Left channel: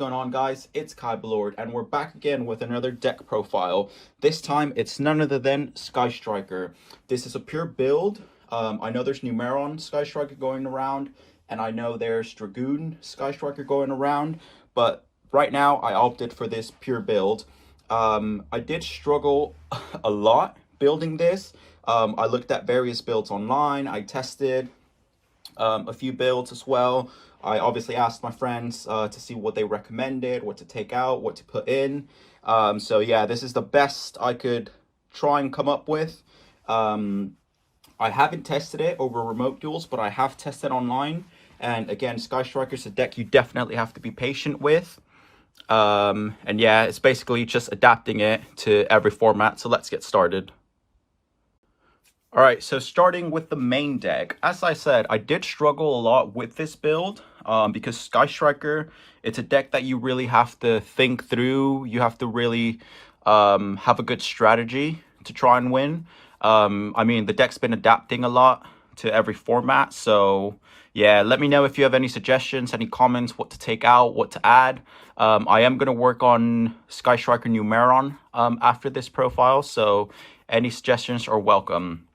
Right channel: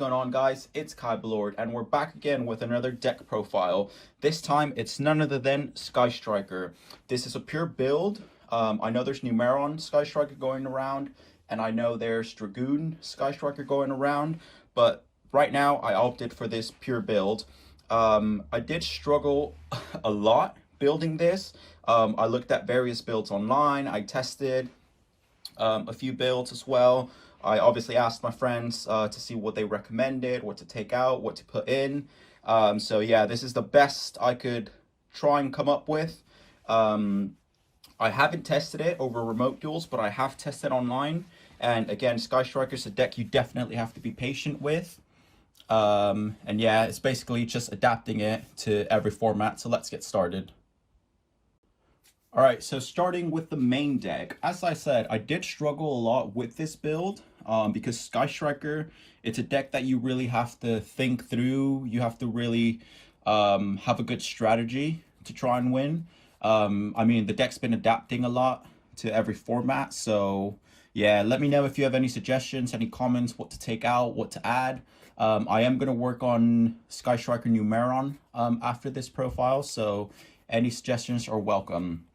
going on, guys? It's Kybelord, and we're back again with another deck profile. This time, it's none other than Sky Striker. This is a pure build. I know there's Numeron Sky Striker going around, and I know there's Dragoon Sky Striker going around, but right now, I opted for this pure build. I did struggle a lot building this. I looked at various builds online. I tested a few builds as well. I obviously asked my friends to see what they recommended, what to take out, what to put in. So yeah, this is the best I could try and come up with. I haven't tested it over remote duels, but I have tested online. And again, Sky Striker is a deck you definitely have to be patient with. And yeah, it's basically just adapting it to every format. So let's get started. All right, so starting with the main deck, as I said, I did struggle a lot with this build because Sky Striker, it's a deck that you really have to think through. You have to really have a good strategy to try and win. I mean, the deck's been adapting a lot to every format. So yeah, let me know if you have any suggestions, any comments, what to take out, what to add. I am going to work on Sky Striker Numeron after this profile. So any suggestions are welcome.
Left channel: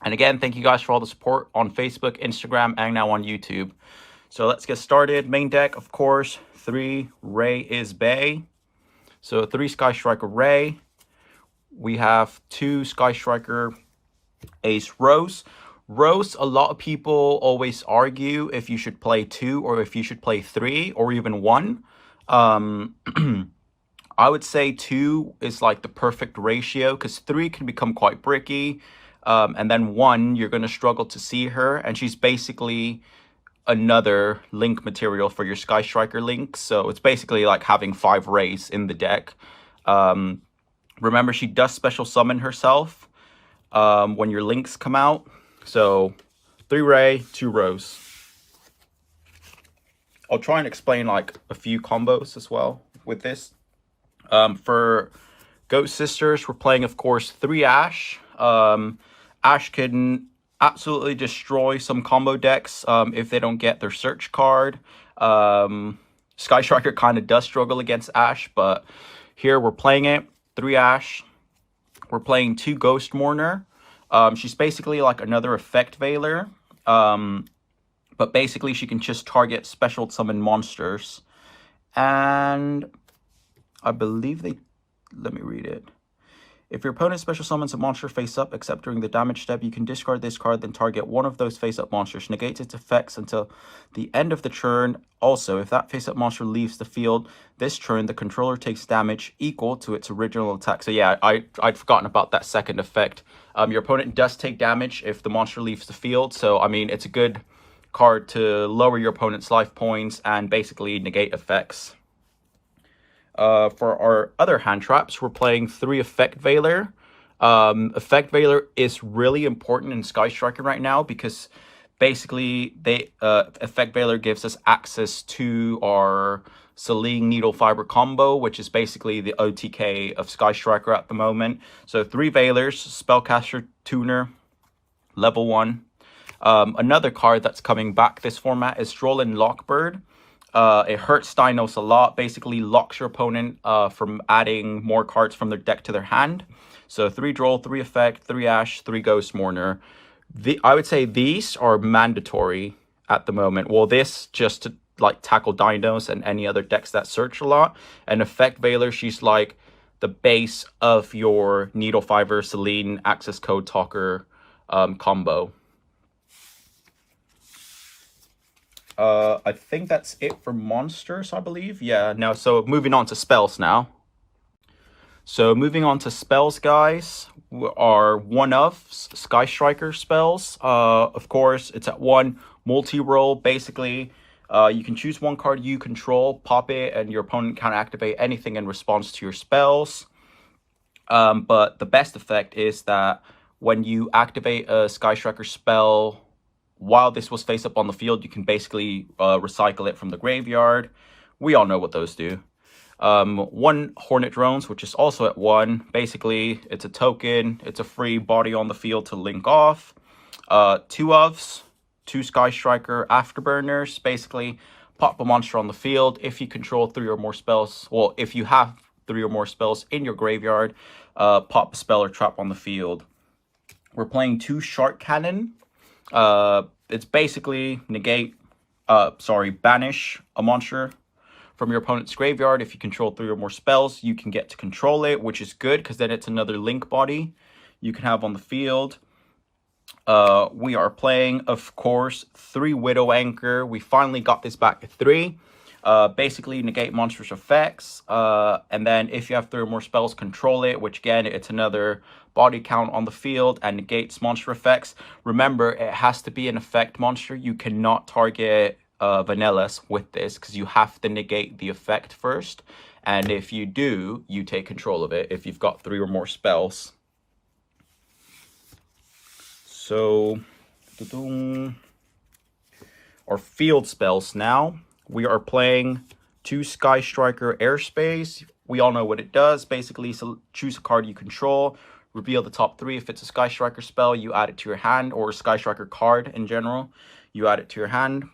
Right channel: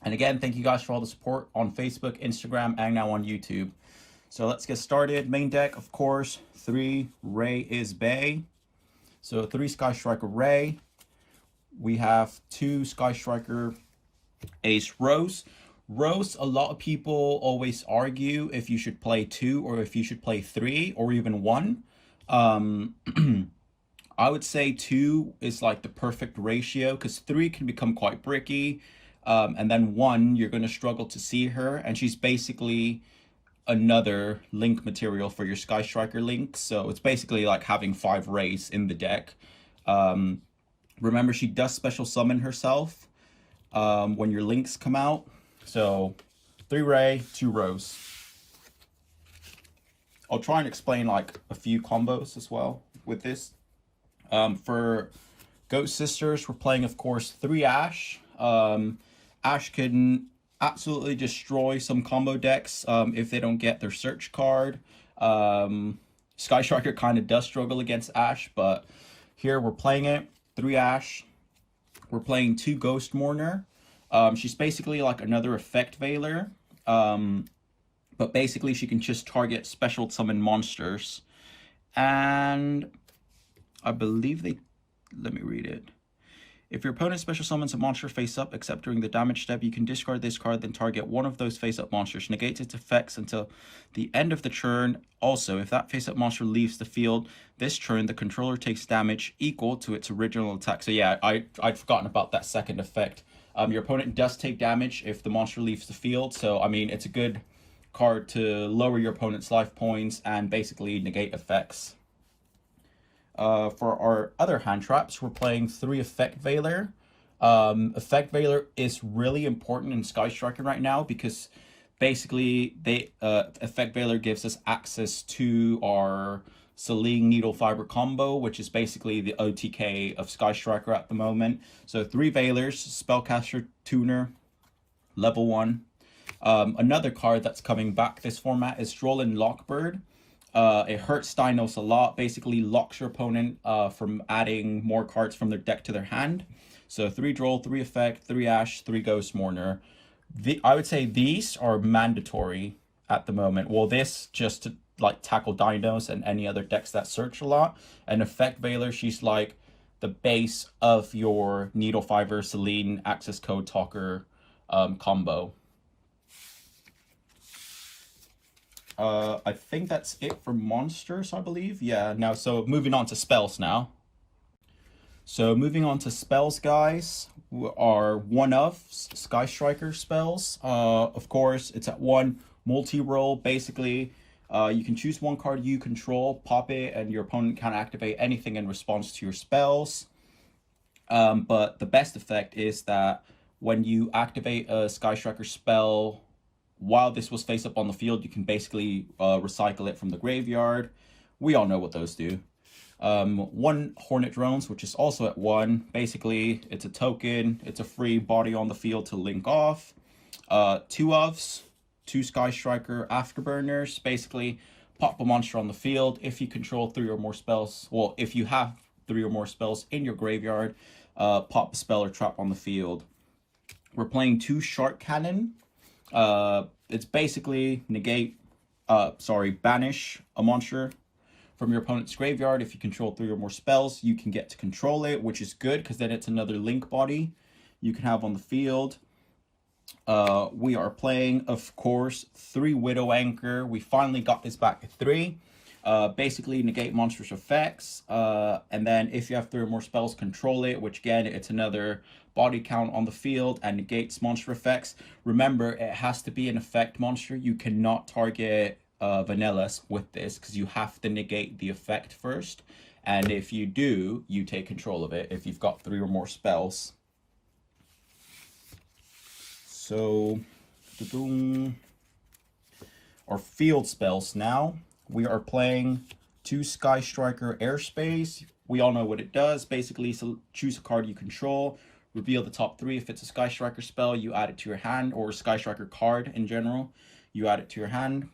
And again, thank you guys for all the support on Facebook, Instagram, and now on YouTube. So let's get started. Main deck, of course, 3 Ray is Bay. So 3 Sky Striker Ray. We have 2 Sky Striker Ace Rose. Rose, a lot of people always argue if you should play 2 or if you should play 3 or even 1. I would say 2 is like the perfect ratio because 3 can become quite bricky. And then 1, you're going to struggle to see her. And she's basically another link material for your Sky Striker link. So it's basically like having 5 Rays in the deck. Remember, she does special summon herself when your links come out. So 3 Ray, 2 Rose. I'll try and explain like a few combos as well with this. For Goat Sisters, we're playing, of course, 3 Ash. Ash can absolutely destroy some combo decks if they don't get their search card. Sky Striker kind of does struggle against Ash, but here we're playing it. 3 Ash. We're playing 2 Ghost Mourner. She's basically like another Effect Veiler. But basically she can just target special summon monsters. And I believe let me read it. If your opponent special summons a monster face up, except during the damage step, you can discard this card, then target one of those face up monsters. Negate its effects until the end of the turn. Also, if that face up monster leaves the field this turn, the controller takes damage equal to its original attack. So yeah, I'd forgotten about that second effect. Your opponent does take damage if the monster leaves the field. So, I mean, it's a good card to lower your opponent's life points and basically negate effects. For our other hand traps, we're playing 3 Effect Veiler. Effect Veiler is really important in Sky Striker right now because basically Effect Veiler gives us access to our Selene Needle Fiber combo, which is basically the OTK of Sky Striker at the moment. So 3 Veilers, Spellcaster Tuner, level 1. Another card that's coming back this format is Strolin Lockbird. It hurts Dinos a lot, basically locks your opponent from adding more cards from their deck to their hand. So 3 Droll, 3 Effect, 3 Ash, 3 Ghost Mourner. I would say these are mandatory at the moment. Well, this just to like tackle Dinos and any other decks that search a lot. And Effect Veiler, she's like the base of your Needle Fiber, Selene, Access Code Talker combo. I think that's it for monsters, I believe. Yeah, now, so moving on to spells now. So moving on to spells, guys, are one of Sky Striker spells. Of course, it's at 1, multi-roll. Basically, you can choose 1 card you control, pop it, and your opponent can activate anything in response to your spells. But the best effect is that when you activate a Sky Striker spell, while this was face up on the field, you can basically recycle it from the graveyard. We all know what those do. 1 Hornet Drones, which is also at 1. Basically, it's a token. It's a free body on the field to link off. 2 ofs, 2 Sky Striker Afterburners. Basically, pop a monster on the field. If you control 3 or more spells, well, if you have 3 or more spells in your graveyard, pop a spell or trap on the field. We're playing 2 Shark Cannon. It's basically banish a monster from your opponent's graveyard. If you control 3 or more spells, you can get to control it, which is good because then it's another link body you can have on the field. We are playing, of course, 3 Widow Anchor. We finally got this back to 3. Basically negate monsters' effects, and then if you have 3 or more spells, control it, which again, it's another body count on the field and negates monster effects. Remember, it has to be an effect monster. You cannot target vanillas with this because you have to negate the effect first, and if you do, you take control of it if you've got 3 or more spells. So our field spells now. We are playing 2 Sky Striker Airspace. We all know what it does. Basically, so choose a card you control, reveal the top 3. If it's a Sky Striker spell, you add it to your hand, or a Sky Striker card in general, you add it to your hand.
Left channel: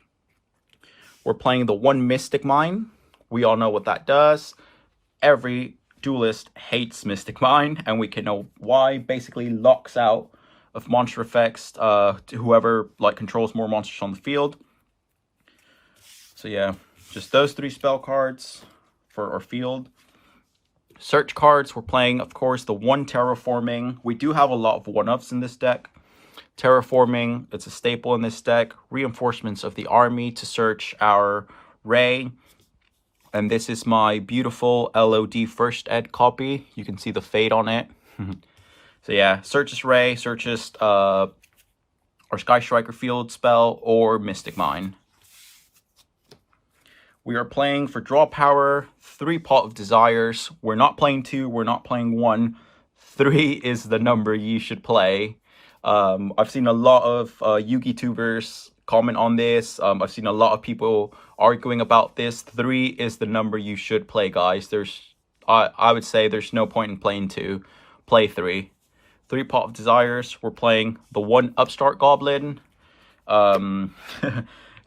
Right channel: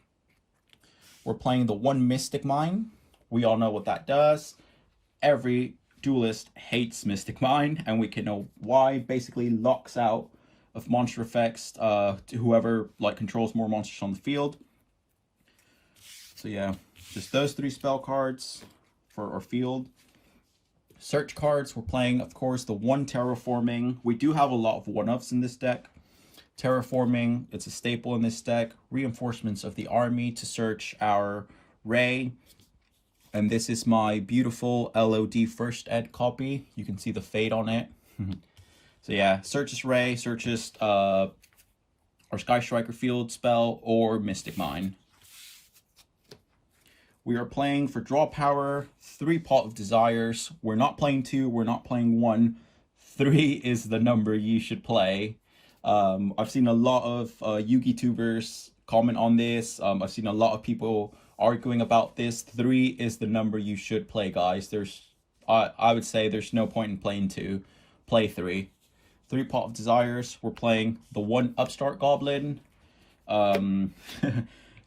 We're playing the 1 Mystic Mine. We all know what that does. Every duelist hates Mystic Mine, and we can know why. Basically, locks out of monster effects to whoever controls more monsters on the field. So yeah, just those 3 spell cards for our field. Search cards, we're playing, of course, the 1 Terraforming. We do have a lot of 1-ups in this deck. Terraforming, it's a staple in this deck. Reinforcements of the army to search our Ray. And this is my beautiful LOD first ed copy. You can see the fade on it. So yeah, searches Ray, searches our Sky Striker field spell, or Mystic Mine. We are playing for draw power, 3 Pot of Desires. We're not playing 2, we're not playing 1. 3 is the number you should play. I've seen a lot of Yugi-tubers comment on this. I've seen a lot of people arguing about this. 3 is the number you should play, guys. I would say there's no point in playing 2. Play 3. 3 Pot of Desires. We're playing the 1 Upstart Goblin.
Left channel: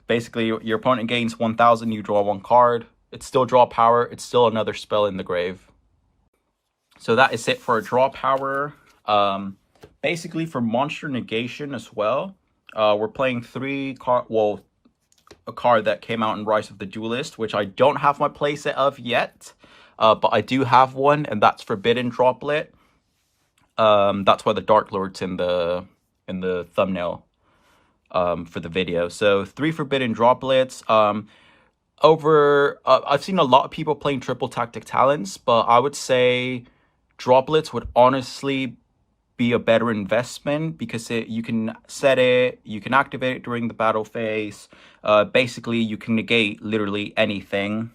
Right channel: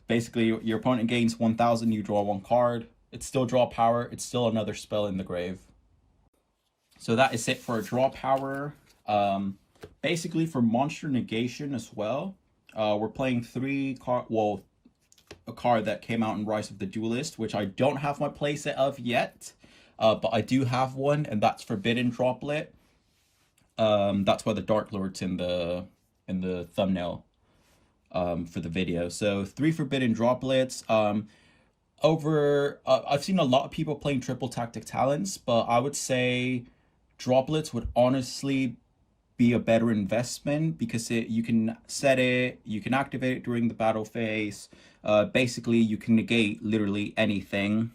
Basically, your opponent gains 1,000, you draw 1 card. It's still draw power. It's still another spell in the grave. So that is it for a draw power. Basically, for monster negation as well, we're playing 3 a card that came out in Rise of the Duelist, which I don't have my playset of yet, but I do have one, and that's Forbidden Droplet. That's why the Dark Lord's in the thumbnail for the video. So 3 Forbidden Droplets. I've seen a lot of people playing triple Tactic Talents, but I would say Droplets would honestly be a better investment because you can set it, you can activate it during the battle phase. Basically, you can negate literally anything.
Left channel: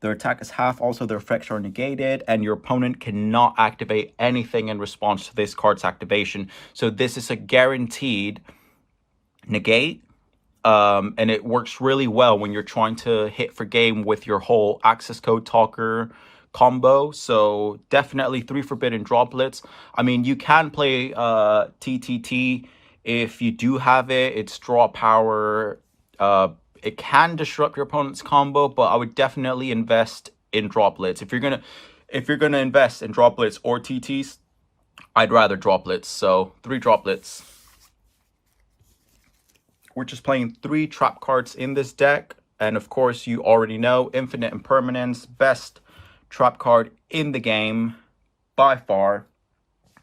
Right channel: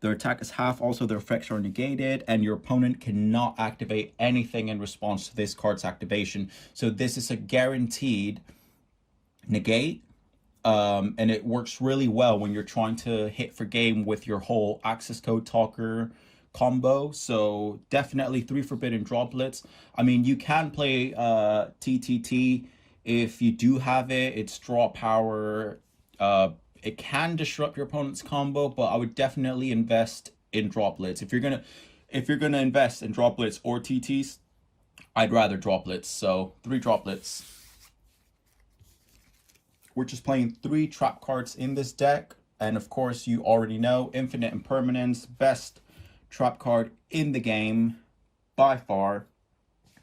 Their attack is half, also their effects are negated, and your opponent cannot activate anything in response to this card's activation. So this is a guaranteed negate, and it works really well when you're trying to hit for game with your whole access code talker combo. So definitely 3 Forbidden Droplets. I mean, you can play TTT if you do have it. It's draw power. It can disrupt your opponent's combo, but I would definitely invest in Droplets. If you're gonna invest in Droplets or TTs, I'd rather Droplets. So 3 Droplets. We're just playing 3 trap cards in this deck, and of course you already know Infinite Impermanence, best trap card in the game by far.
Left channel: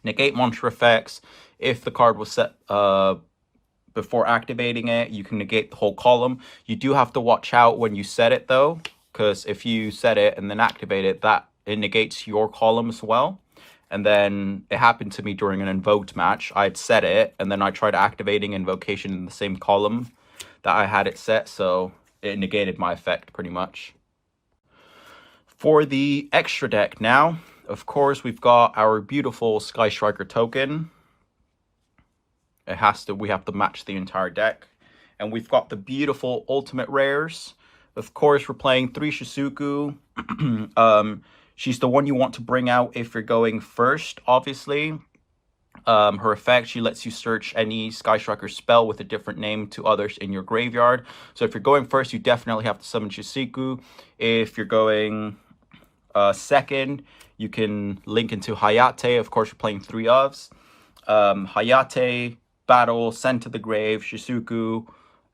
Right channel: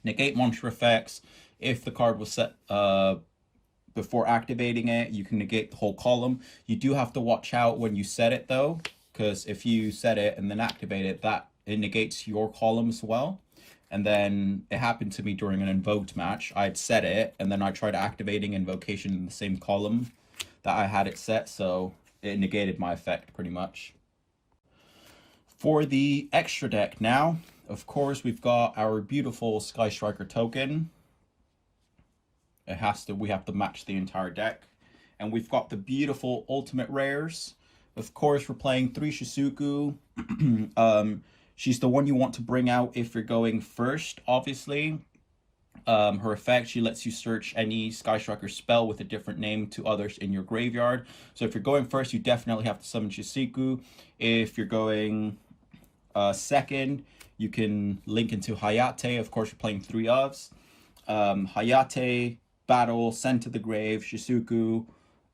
Negate monster effects. If the card was set before activating it, you can negate the whole column. You do have to watch out when you set it though, because if you set it and then activate it, it negates your column as well. And then it happened to me during an invoked match. I'd set it and then I tried activating invocation in the same column that I had it set, so it negated my effect pretty much. For the extra deck now, of course, we've got our beautiful Sky Striker token. We have to match the entire deck. And we've got the beautiful ultimate rares. Of course, we're playing 3 Shizuku. She's the one you want to bring out if you're going first, obviously. Her effect, she lets you search any Sky Striker spell with a different name to others in your graveyard. So if you're going first, you definitely have to summon Shizuku. If you're going second, you can link into Hayate. Of course, you're playing 3 ofs. Hayate, battle, send to the grave, Shizuku,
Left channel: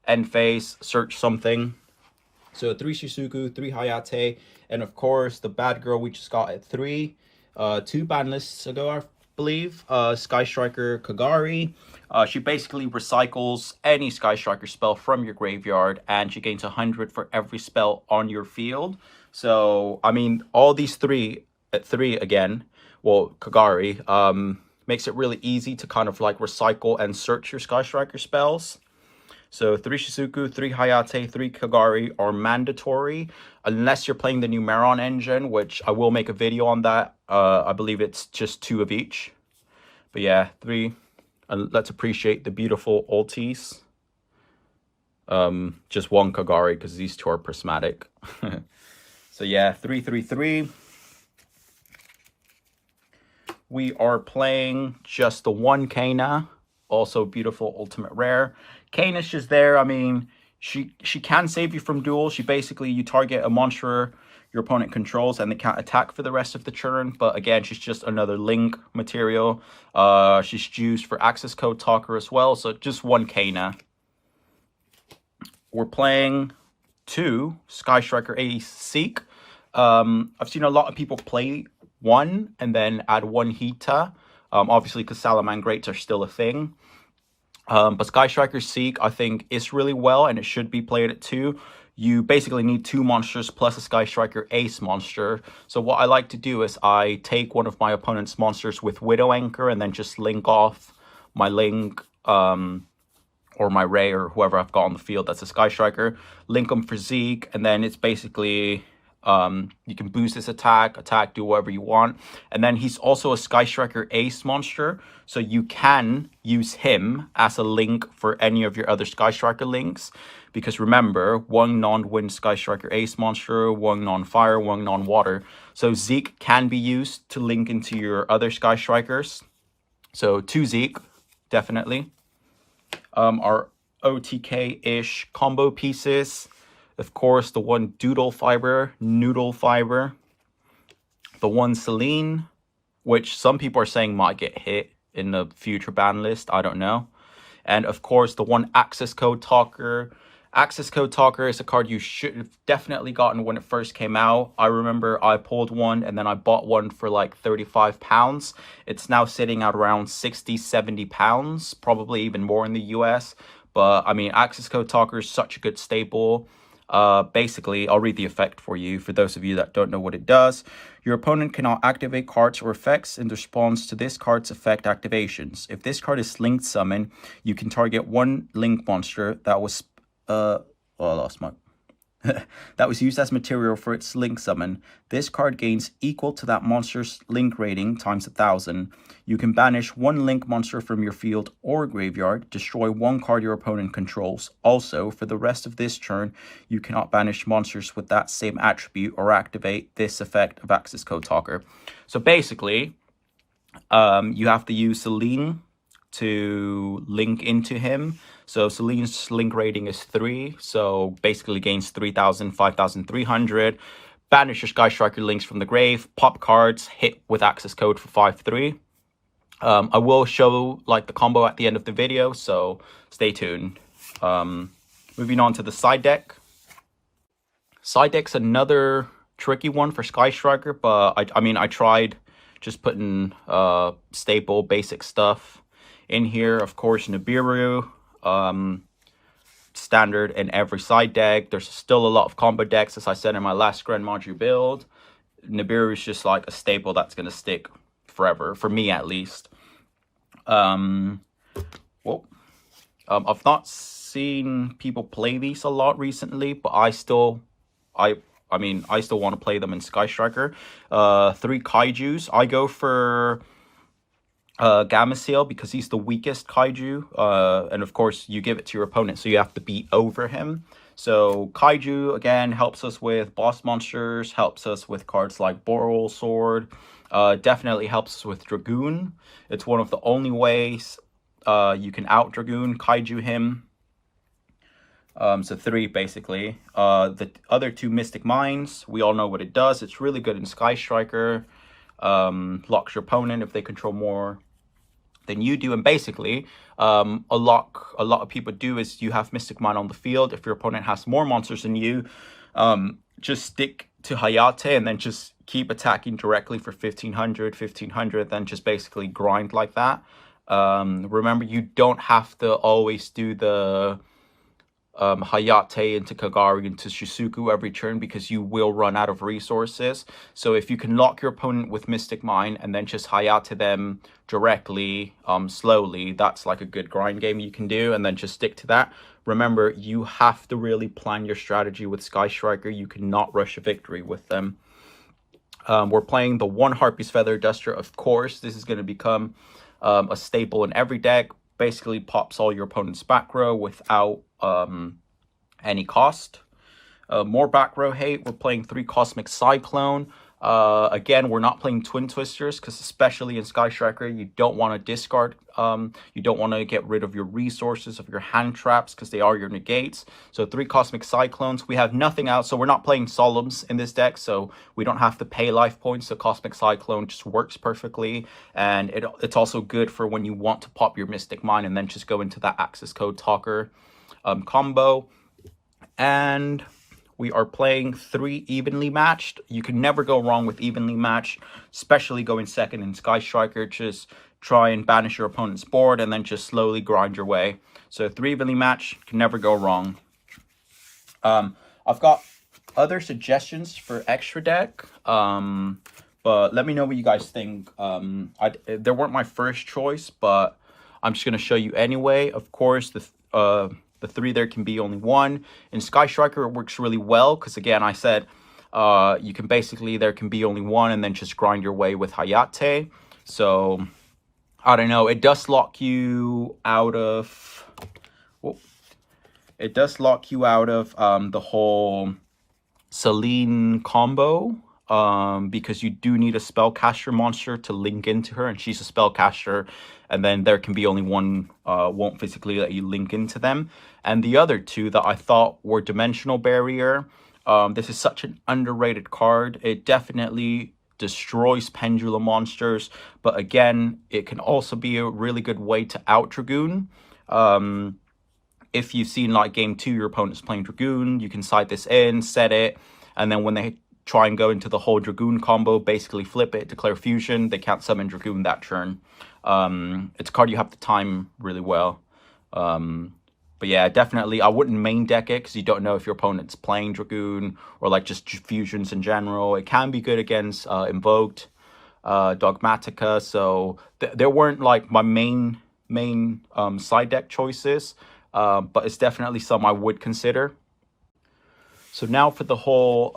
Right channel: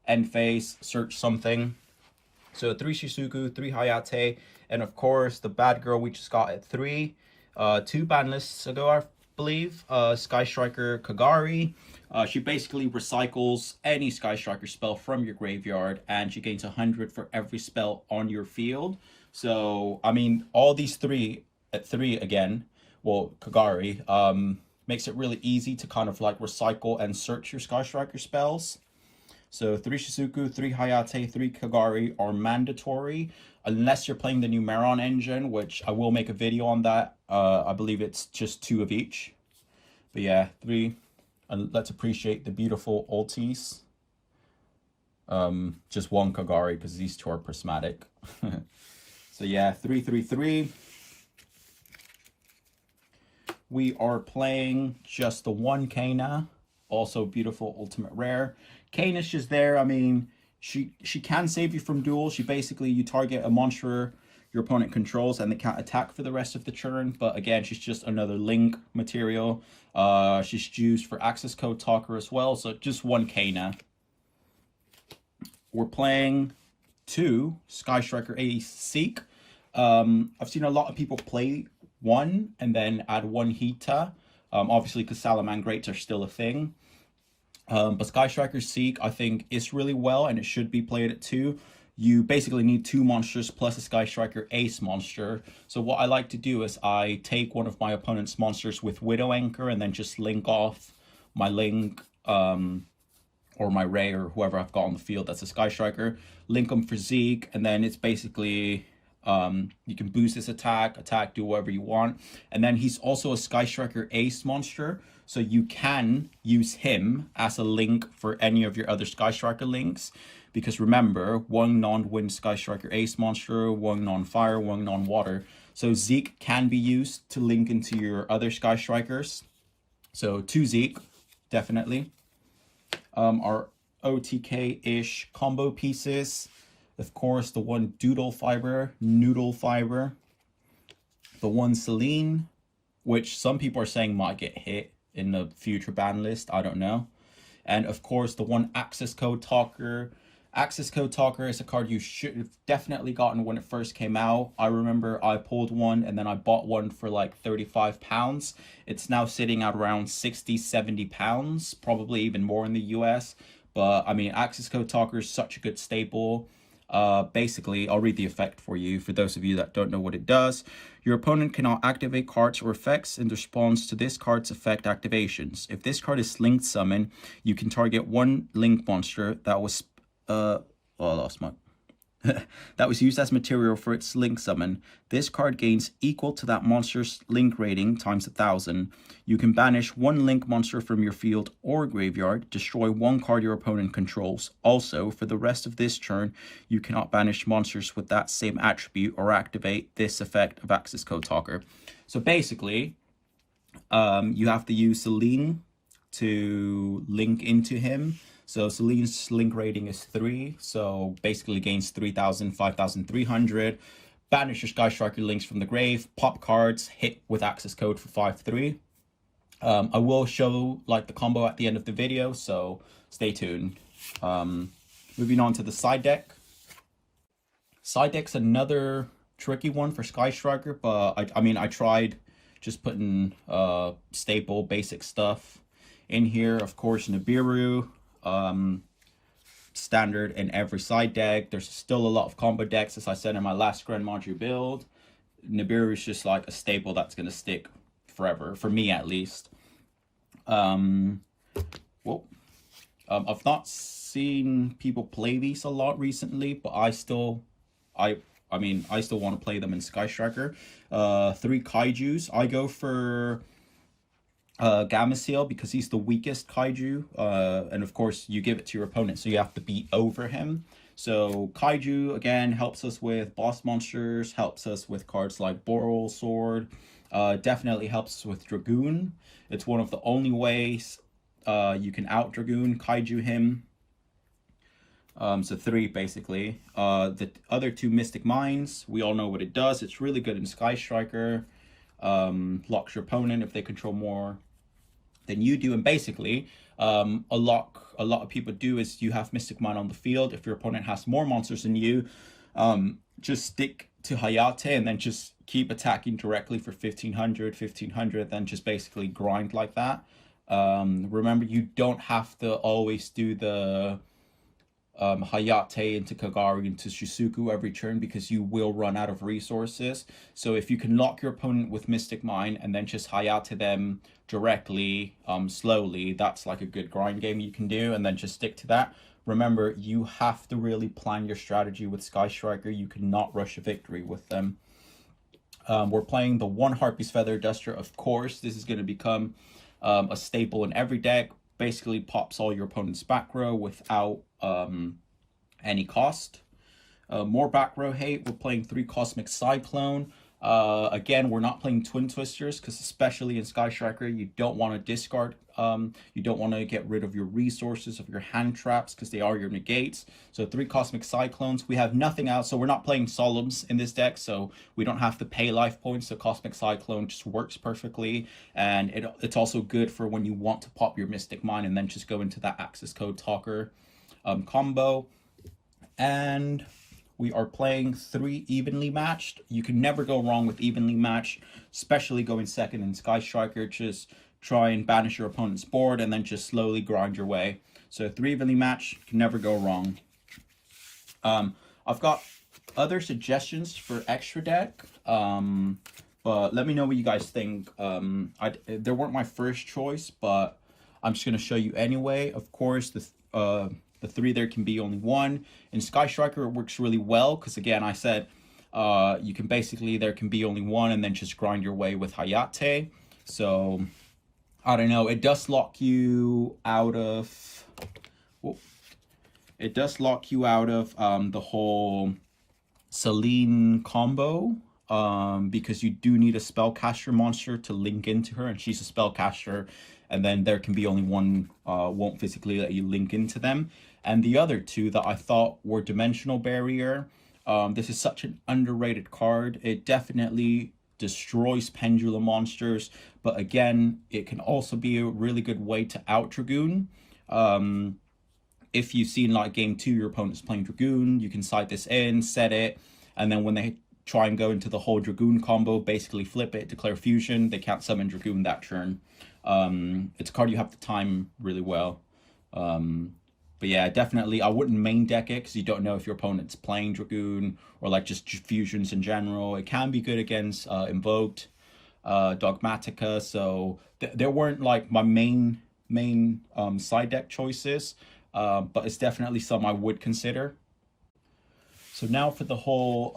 end phase, search something. So 3 Shizuku, 3 Hayate, and of course the bad girl we just got at 3. 2 banlists ago, I believe. Sky Striker Kagari. She basically recycles any Sky Striker spell from your graveyard, and she gains 100 for every spell on your field. So, I mean, all these 3 at 3 again, well, Kagari, makes it really easy to kind of like recycle and search your Sky Striker spells. So 3 Shizuku, 3 Hayate, 3 Kagari are mandatory unless you're playing the new Meron engine, which I will make a video on that. I believe it's just 2 of each. But yeah, 3. Let's appreciate the beautiful ultis. Just 1 Kagari because these 2 are prismatic. So yeah, 3, 3, 3. We are playing just the 1 Kana, also beautiful ultimate rare. Kana's just there. I mean, she can save you from duels. She basically, you target a monster your opponent controls and they can't attack for the rest of the turn. But again, she's just another link material. She's used for access code talker as well. So just 1 Kana. We're playing 2 Sky Striker Ace Seek. I've seen a lot of people play 1 and then add 1 Hita. Obviously, because Salamangrates are still a thing. But Sky Striker Seek, I think, is really well, and it should be played at 2. You basically need 2 monsters plus a Sky Striker Ace monster. So what I like to do is I take one of my opponent's monsters with Widow Anchor and then just link off my Link or my Ray or whoever I've got on the field that's a Sky Striker. Link them for Zeke, and then it's basically... you can boost his attack, do whatever you want. And then he's also a Sky Striker Ace monster, so you can use him as a link for any of your other Sky Striker links. Because remember, 1 non-wind Sky Striker Ace monster, 1 non-fire, 1 non-water. So Zeke can be used to link into your other Sky Strikers. So 2 Zeke, definitely. Our OTK-ish combo pieces. Of course, the 1 Doodle Fiber, Noodle Fiber. The 1 Celine, which some people are saying might get hit in the future ban list. I don't know. And of course, the 1 Access Code Talker. Access Code Talker is a card you should have definitely gotten when it first came out. I remember I pulled 1 and then I bought 1 for like £35. It's now sitting at around £60-70, probably even more in the US. But I mean, Access Code Talker is such a good staple. Basically, I'll read the effect for you, for those of you that don't know what it does. Your opponent cannot activate cards or effects in response to this card's effect activations. If this card is linked summon, you can target 1 link monster that was, I lost my... that was used as material for its link summon. This card gains equal to that monster's link rating times 1,000. You can banish 1 link monster from your field or graveyard, destroy 1 card your opponent controls. Also, for the rest of this turn, you cannot banish monsters with that same attribute or activate this effect of Access Code Talker. So basically, you have to use Celine to link into him. So Celine's link rating is 3, so basically gains 3,000, 5,300. Banish your Sky Striker links from the grave, pop cards, hit with access code for 5/3. I will show like the combo at the end of the video, so stay tuned. Moving on to the side deck. Side deck's another tricky one for Sky Striker, but I mean, I tried just putting staple basic stuff in here. Of course, Nibiru. Standard in every side deck. There's still a lot of combo decks, as I said in my last Grand Module build. Nibiru is just like a staple that's going to stick forever, for me at least. I've not seen people play these a lot recently, but I still want to play them in Sky Striker. 3 Kaijus. I go for Gamma Seal because he's the weakest kaiju, and of course you give it to your opponent, so you have to beat over him. So Kaiju again helps us with boss monsters, helps us with cards like Boral Sword, Definitely helps us with Dragoon. It's one of the only ways you can out Dragoon Kaiju him. So 3 basically. The other 2 Mystic Mines, we all know what it does. It's really good in Sky Striker. Locks your opponent if they control more than you do. And basically, a lot of people do is you have Mystic Mine on the field. If your opponent has more monsters than you, just stick to Hayate and then just keep attacking directly for 1500, then just basically grind like that. Remember, you don't have to always do the Hayate into Kagari into Shizuku every turn, because you will run out of resources. So if you can lock your opponent with Mystic Mine and then just Hayate them directly, slowly, that's like a good grind game you can do, and then just stick to that. Remember, you have to really plan your strategy with Sky Striker. You cannot rush a victory with them. We're playing the 1 Harpy's Feather Duster. Of course, this is going to become a staple in every deck. Basically pops all your opponent's back row without any cost. More back row hate. We're playing 3 Cosmic Cyclone. Again, we're not playing Twin Twisters, because especially in Sky Striker, you don't want to discard, you don't want to get rid of your resources, of your hand traps, because they are your negates. So 3 Cosmic Cyclones. We have nothing out, so we're not playing Solemns in this deck, so we don't have to pay life points. So Cosmic Cyclone just works perfectly, and it's also good for when you want to pop your Mystic Mine and then just go into that Access Code Talker combo. And we are playing 3 Evenly Matched. You can never go wrong with Evenly Matched, especially going second in Sky Striker. Just try and banish your opponent's board and then just slowly grind your way. So 3 Evenly Matched, can never go wrong. I've got other suggestions for extra deck, but let me know what you guys think. They weren't my first choice, but I'm just going to show you anyway. Of course, the 3 there can be only 1. In Sky Striker, it works really well, because again, I said you can basically, there can be only 1 and then just grind your way with Hayate. So, I don't know, it does lock you out of, the whole Celine combo, because you do need a spellcaster monster to link into her, and she's a spellcaster, and then there can be only 1, won't physically let you link into them. And the other 2 that I thought were Dimensional Barrier. This is such an underrated card. It definitely destroys Pendulum monsters, but again, it can also be a really good way to out Dragoon. If you've seen like game 2, your opponent's playing Dragoon, you can side this in, set it, and then when they try and go into the whole Dragoon combo, basically flip it, declare fusion, they can't summon Dragoon that turn. It's a card you have to time really well. But yeah, definitely, I wouldn't main deck it, because you don't know if your opponent's playing Dragoon or like just fusions in general. It can be good against Invoked, Dogmatica, so there weren't like my main side deck choices, but it's definitely some I would consider. So now for the whole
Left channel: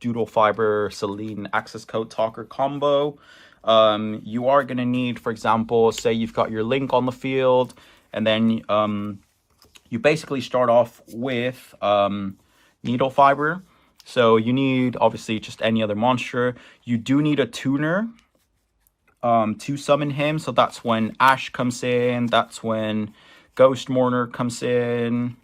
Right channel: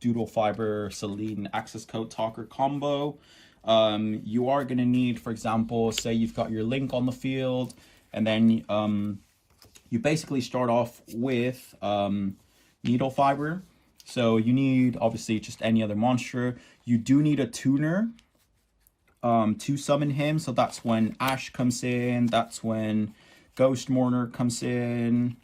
Doodle Fiber Celine Access Code Talker combo. You are going to need, for example, say you've got your Link on the field, and then you basically start off with Needle Fiber. So you need, obviously, just any other monster. You do need a tuner to summon him. So that's when Ash comes in. That's when Ghost Mourner comes in.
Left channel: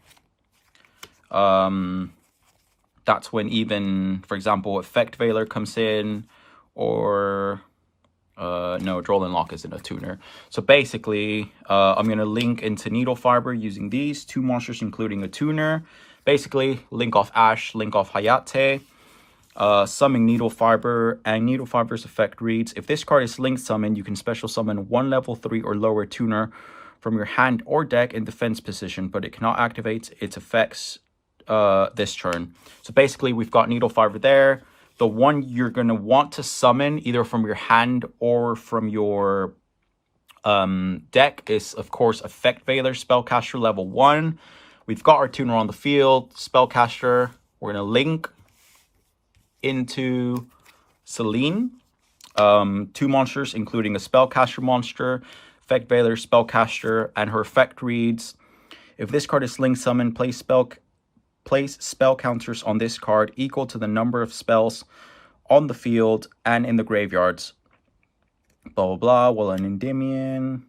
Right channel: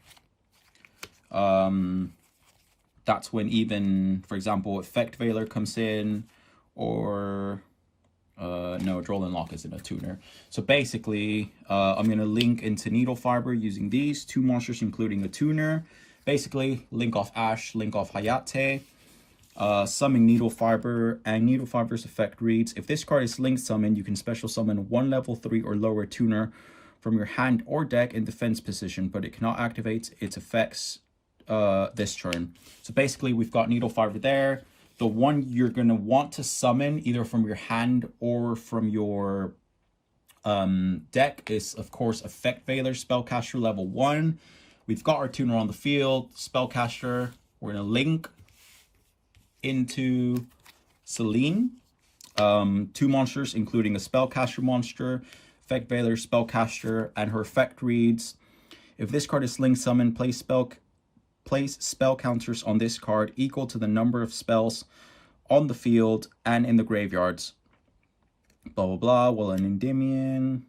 That's when even, for example, Effect Veiler comes in, or no, Droll Lock isn't a tuner. So basically, I'm going to link into Needle Fiber using these 2 monsters, including a tuner. Basically, link off Ash, link off Hayate, summon Needle Fiber, and Needle Fiber's effect reads, if this card is link summoned, you can special summon 1 level 3 or lower tuner from your hand or deck in defense position, but it cannot activate its effects this turn. So basically, we've got Needle Fiber there. The one you're going to want to summon either from your hand or from your deck is, of course, Effect Veiler, Spellcaster level 1. We've got our tuner on the field, Spellcaster. We're going to link into Celine. 2 monsters, including a Spellcaster monster, Effect Veiler, Spellcaster, and her effect reads, if this card is link summoned, place spell counters on this card equal to the number of spells on the field and in the graveyards. Blah, blah, blah. Well, an Endymion.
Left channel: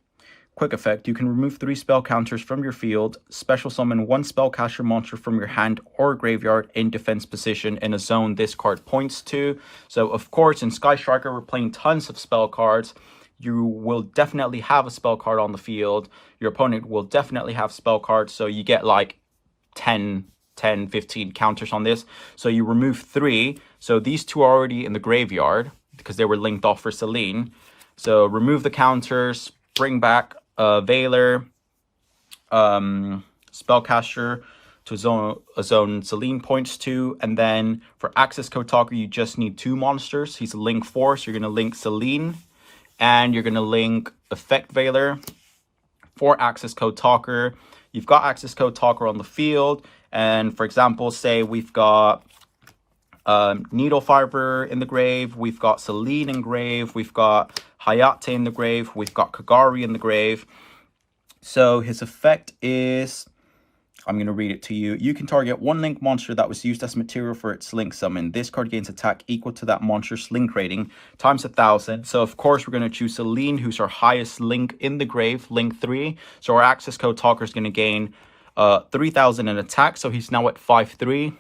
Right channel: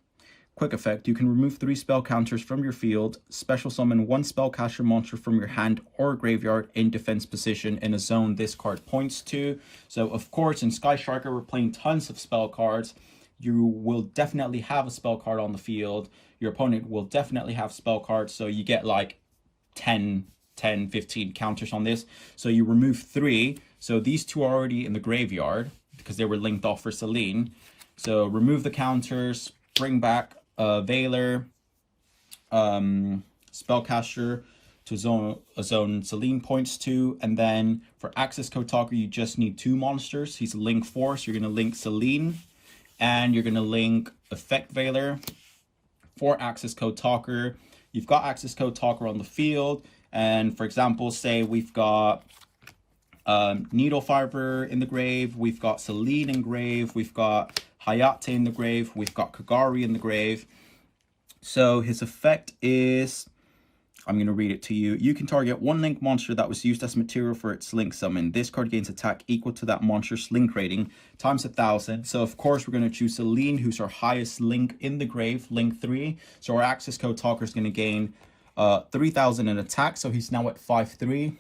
Quick effect. You can remove 3 spell counters from your field, special summon 1 spellcaster monster from your hand or graveyard in defense position in a zone this card points to. So, of course, in Sky Striker, we're playing tons of spell cards. You will definitely have a spell card on the field. Your opponent will definitely have spell cards. So you get like 10, 15 counters on this. So you remove 3. So these 2 are already in the graveyard because they were linked off for Selene. So remove the counters, bring back Veiler, spellcaster to a zone Selene points to, and then for Access Code Talker, you just need 2 monsters. He's a link 4, so you're going to link Selene, and you're going to link Effect Veiler for Access Code Talker. You've got Access Code Talker on the field, and for example, say we've got Needle Fiber in the grave, we've got Selene in grave, we've got Hayate in the grave, we've got Kagari in the grave. So his effect is, I'm going to read it to you. You can target 1 link monster that was used as material for its link summon. This card gains attack equal to that monster's link rating times 1,000. So of course we're going to choose Selene, who's our highest link in the grave, link 3. So our Access Code Talker is going to gain 3,000 in attack. So he's now at 5/3.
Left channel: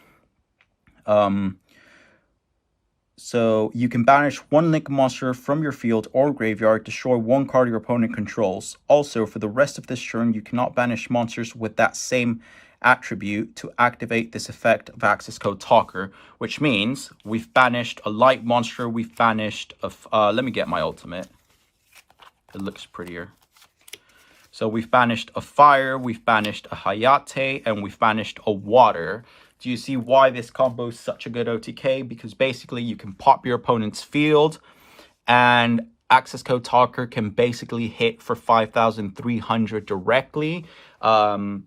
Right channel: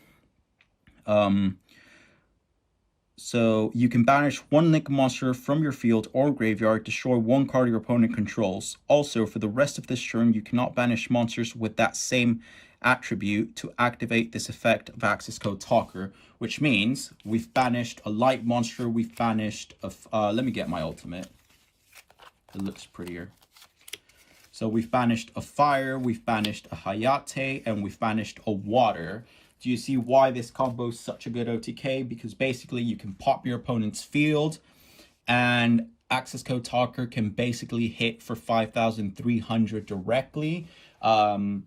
So you can banish 1 link monster from your field or graveyard, destroy 1 card your opponent controls. Also, for the rest of this turn, you cannot banish monsters with that same attribute to activate this effect of Access Code Talker, which means we've banished a light monster, we've banished a... let me get my ultimate. It looks prettier. So we've banished a fire, we've banished a Hayate, and we've banished a water. Do you see why this combo is such a good OTK? Because basically you can pop your opponent's field and Access Code Talker can basically hit for 5,300 directly. And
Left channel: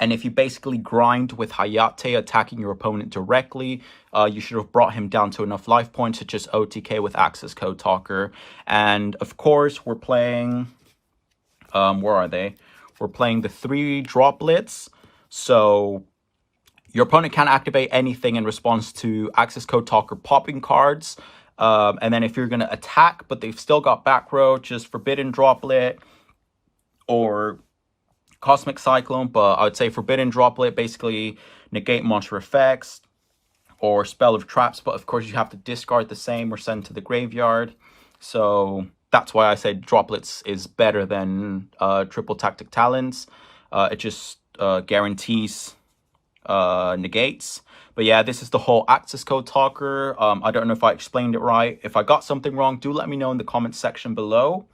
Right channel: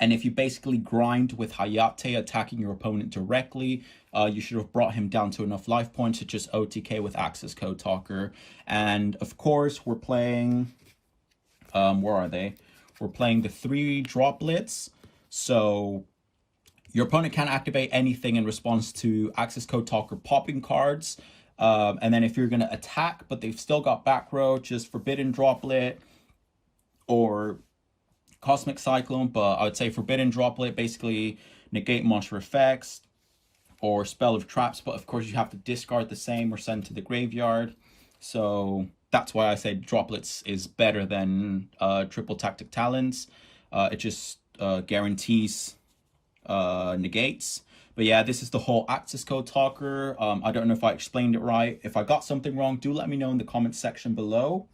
if you basically grind with Hayate attacking your opponent directly, you should have brought him down to enough life points to just OTK with Access Code Talker. And of course, we're playing, where are they? We're playing the 3 droplets. So your opponent can't activate anything in response to Access Code Talker popping cards. And then if you're going to attack, but they've still got back row, just Forbidden Droplet or Cosmic Cyclone. But I would say Forbidden Droplet, basically negate monster effects or Spell of Traps. But of course, you have to discard the same or send to the graveyard. So that's why I said Droplets is better than Triple Tactic Talents. It just guarantees negates. But yeah, this is the whole Access Code Talker. I don't know if I explained it right. If I got something wrong, do let me know in the comments section below.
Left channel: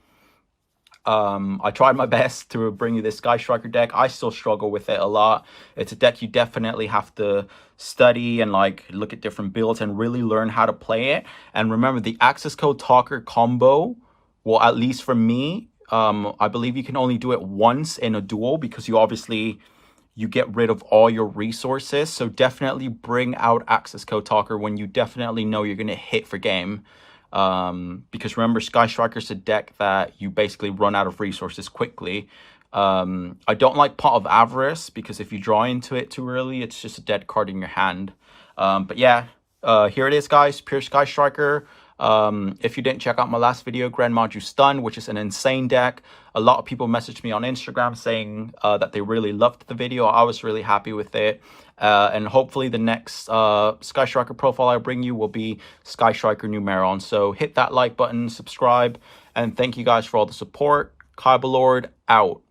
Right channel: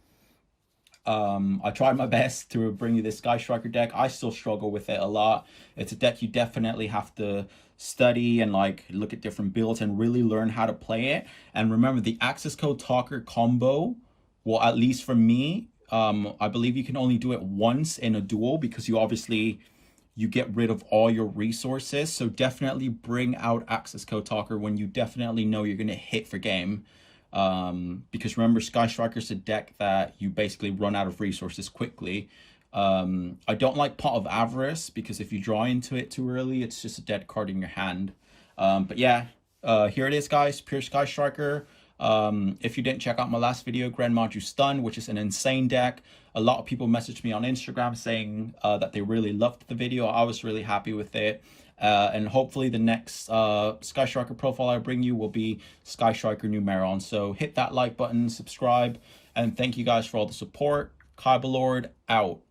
I tried my best to bring you this Sky Striker deck. I still struggle with it a lot. It's a deck you definitely have to study and like look at different builds and really learn how to play it. And remember, the Access Code Talker combo, well, at least for me, I believe you can only do it once in a duel because you get rid of all your resources. So definitely bring out Access Code Talker when you definitely know you're going to hit for game. Because remember, Sky Striker is a deck that you basically run out of resources quickly. I don't like Pot of Avarice because if you draw into it too early, it's just a dead card in your hand. But yeah, here it is, guys. Pure Sky Striker. If you didn't check out my last video, Grand Maju Stun, which is an insane deck. A lot of people messaged me on Instagram saying that they really loved the video. I was really happy with it. And hopefully the next Sky Striker profile I bring you will be Sky Striker Numeron. So hit that like button, subscribe, and thank you guys for all the support. Kyber Lord out.